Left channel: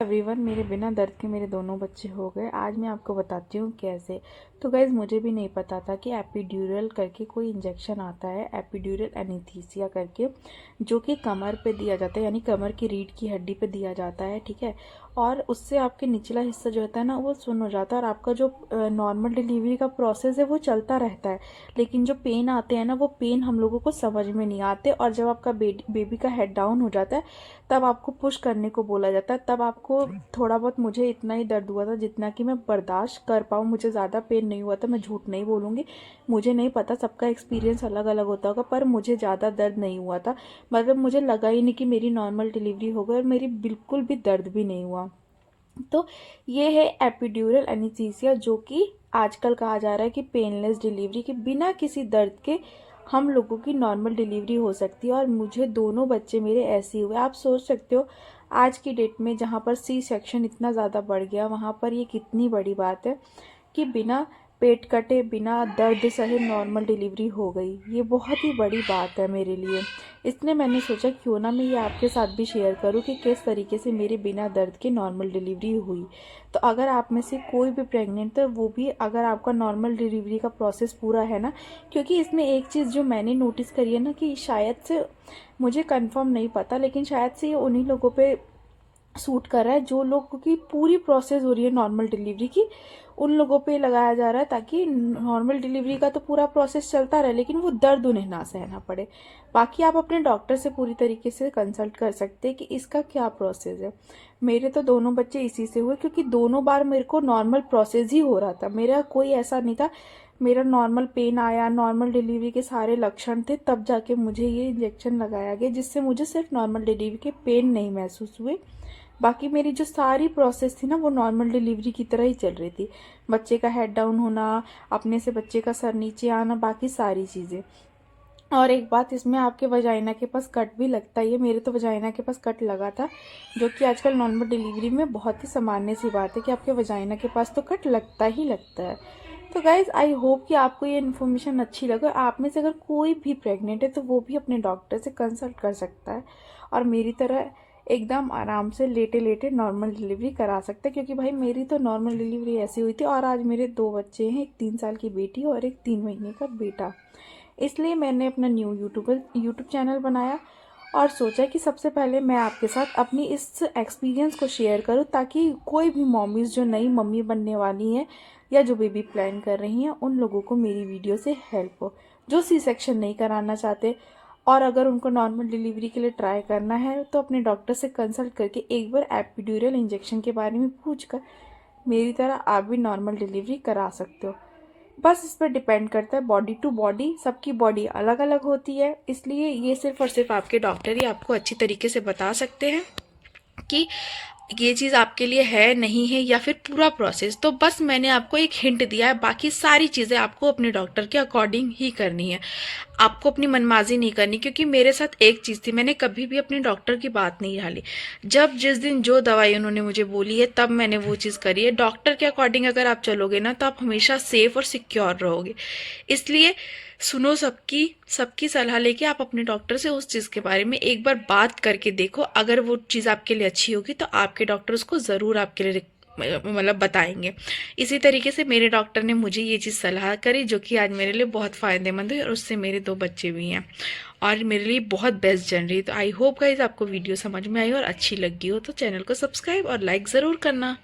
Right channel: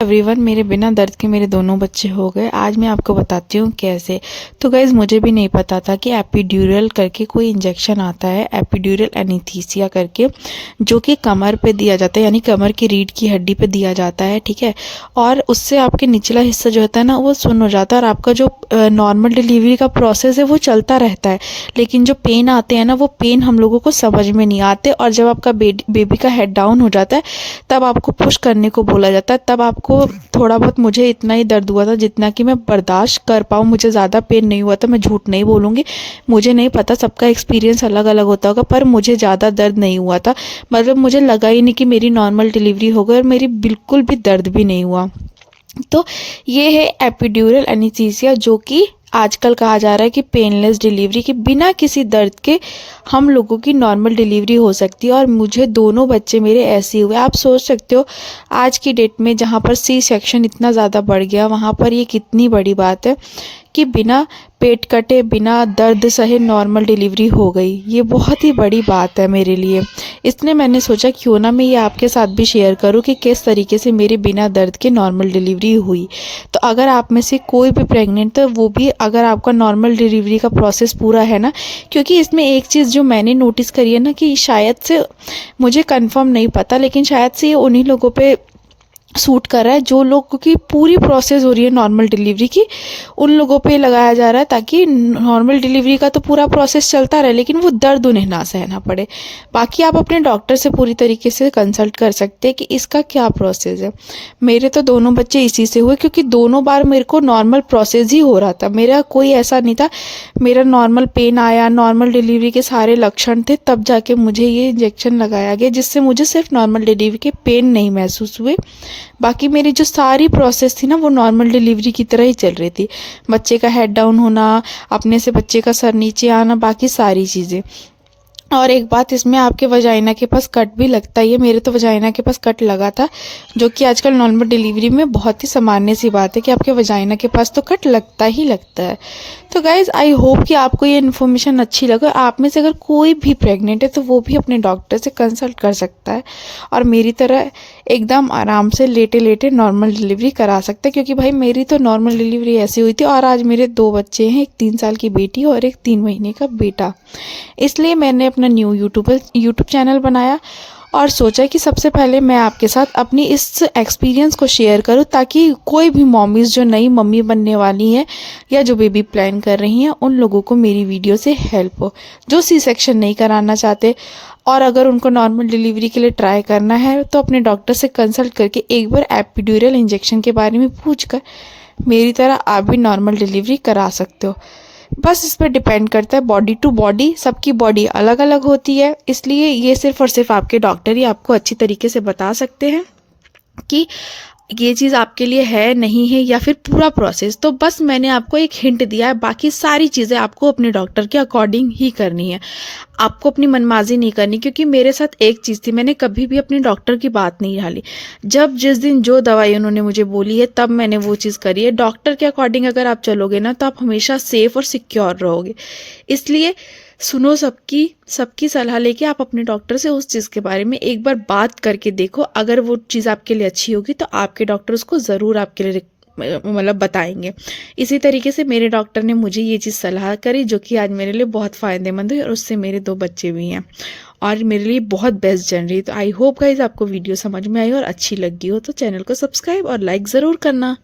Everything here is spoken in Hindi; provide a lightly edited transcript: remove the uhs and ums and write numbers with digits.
एवरीवन, मेरे बिना दर्द के मेरे दोनों बच्चे हो गए। आज मैं आपको बताती हूँ कैसे। तो गाइज़, मुझे भी नहीं पता था कि एपिड्यूरल करके कोई इंजेक्शन आता है, एपिड्यूरल एनेस्थीसिया करके, जो कि कमर पे दिया जाता है, यानी कमर की रीढ़ की हड्डी पे दिया जाता है। ठीक है। और उससे आपके निचला हिस्सा जो होता है ना, वो सुन्न हो जाता है और आपका जो नॉर्मल डिलीवरी का प्रोसेस है वो चलता रहता है। लेकिन जो पेन आते हैं ना, वो पेन हम लोगों को समझ में नहीं आते। और जब आपका बेबी का हेड डाउन हो जाता है, तब आपको पुश करने को बोला जाता है। तब आपको थोड़ा बहुत, मुझे इतना ही दर्द हुआ था जितना कि मैं बर्दाश्त कर पाऊँ, मुझे ज़्यादा पेन नहीं हुआ था। मैं झूठ नहीं बोलूँगी, मुझे नहीं पता, सबका एक्सपीरियंस अलग अलग होता होगा, पर मुझे ज़्यादा दर्द नहीं हुआ था। मतलब मुझे लगा ही नहीं कि मेरी नॉर्मल डिलीवरी हो गई और मेरी बिल्कुल भी दर्द भी नहीं हुआ। तो ये है एपिड्यूरल एनेस्थीसिया, जो कि आजकल कहा जा रहा है कि पेनलेस डिलीवरी, की बिना किसी दर्द के हम लोगों की नॉर्मल डिलीवरी हो सकती है। और मुझे दोनों बच्चे मेरे ऐसे हुए। आप सोच सकते हो आज की डेट में जहाँ पर सी सेक्शन इतना ज़्यादा बढ़ गया, वहाँ पर ये कितनी बड़ी बात है कि बिना पेट कटे, बिना दर्द सहे नॉर्मल डिलीवरी हो गई। ये बहुत ही बड़ी बात है मेरे लिए। इसलिए मैंने सोचा क्यों ना मैं ये आपके साथ भी शेयर करूं कि किस तरीके से मेरे बिना दर्द के नॉर्मल डिलीवरी हुई। तो अगर आप में से कोई भी प्रेग्नेंट है, वो भी अगर आपका नॉर्मल डिलीवरी का प्रोसेस पूरा है ना, क्योंकि इसमें एक चीज़ जो मैंने नोटिस करी है ना, कि शायद से, मुझे कंफर्म नहीं पता, लेकिन शायद से ये उन्हीं लोगों पे सूट कर रहा है जो लोगों की पूरी प्रोसेस हो रही है नॉर्मल डिलीवरी की, उन लोगों पे लगाया जा रहा है, ताकि नॉर्मल डिलीवरी का तो पूरा प्रोसेस चलता रहे लेकिन वो दर्द उन्हें ना सहना पड़े। बाकी आप अपने डॉक्टर से पूरी तरीके से कंसल्ट कर सकते हैं कि इसका क्या प्रोसेस है। मेरे तो दोनों बच्चे इसी से हुए, क्योंकि दोनों बार मेरे को नॉर्मल प्रोसेस ही हो रहा था, मेरा कोई ऐसा नहीं था। मेरा नॉर्मल पेन आया, नॉर्मल डिलीवरी के सारे लक्षण थे, तब जाके मुझे ये इंजेक्शन लगाया गया, जिससे मुझे सिर्फ नॉर्मल डिलीवरी के पेन नहीं महसूस हुए। बाकी मेरी जो सारी प्रोसेस थी ना, वो नॉर्मल डिलीवरी की तरह ही चल रही थी। बच्चे का हेड डाउन होना, अपने से बच्चे का सर नीचे आना, बाकी सारी चीज़ें। और एक बात, इसमें आपके वजाइना के पास कट भी लगता ही है। मेरे तो वजाइना के पास कट लगा था, जो कि आजकल नॉर्मल डिलीवरी में बहुत ही सामान्य सी बात है कि आपके वजाइना के पास तो कट लगता ही लगता है। तो गाइज़, आई होप कि आपको ये इन्फॉर्मेशन अच्छी लगे। आप में से अगर कोई भी प्रेग्नेंट है तो वो भी अपने डॉक्टर से कंसल्ट कर सकता है और मेरी तरह एकदम आराम से लेटे लेटे नॉर्मल डिलीवरी करा सकते हैं। क्योंकि भाई, मेरी तो नॉर्मल डिलीवरी ऐसी हुई थी। और आज मेरे 2 बच्चे हैं, एक 3 साल की बेटी और एक 3 महीने का बेटा। इसलिए मैंने अपना न्यू यूट्यूब चैनल बनाया और सोचा कि सबसे पहले मैं आपके साथ अपनी इस एक्सपीरियंस को शेयर करूं, ताकि कोई भी मॉमीज़ जो नई मम्मी बनने वाली हैं या जो बेबी प्लान कर रही हैं, उन लोगों को मेरी वीडियो से हेल्प हो, जो सी सेक्शन नहीं कराना चाहते। और अगर उनको नॉर्मल डिलीवरी के लिए ट्राई करना है तो अपने डॉक्टर से कंसल्ट करके एक बार एपिड्यूरल इंजेक्शन के बारे में पूछकर मेरी तरह आप भी नॉर्मल डिलीवरी करा सकते हो। बस इस पर डिपेंड करता है बॉडी टू बॉडी, सबकी बॉडी अलग अलग होती है। इसलिए ये सिर्फ और सिर्फ आपके डॉक्टर ही आपको अच्छी तरीके से बता सकते हैं कि ये चीज़ आपके लिए है, नहीं है, या फिर पूरा प्रोसेस। तो बस मैंने आपको एक हिंट दिया है, बाकी सारी चीज़ें आपको अपने डॉक्टर के अकॉर्डिंग ही करनी है। आपको अपनी मनमाजी नहीं करनी। क्योंकि मेरे साथ एक चीज़ थी, मैंने कभी भी अपने डॉक्टर की बात नहीं टाली। जब जिस दिन जो दवाई उन्होंने मुझे बोली है, तब मैंने वो चीज़ करी है। डॉक्टर के अकॉर्डिंग अगर आप चलोगे ना, तो आप हमेशा सेफ और सिक्योर रहोगे। इसलिए सुनो सबकी सबकी सलाह लेके आप अपने डॉक्टर से उस चीज़ के बारे में एक बार बात करके देखो। अगर वो चीज़ आपके लिए अच्छी होगी तो आपके डॉक्टर उसको ज़रूर आपके लिए मतलब बताएंगे। इसी तरीके से मेरे डॉक्टर ने मुझे ये चीज़ सलाह करी, जो कि आज मेरे लिए बहुत फ़ायदेमंद हुई और उससे मेरे 2 बच्चे भी हैं और मेरे लिए बहुत बेस्ट जन रही। तो आई होप गाइज आपको वीडियो समझ में आई और अच्छी लगी हो, तो चैनल को सब्सक्राइब और लाइक ज़रूर करना।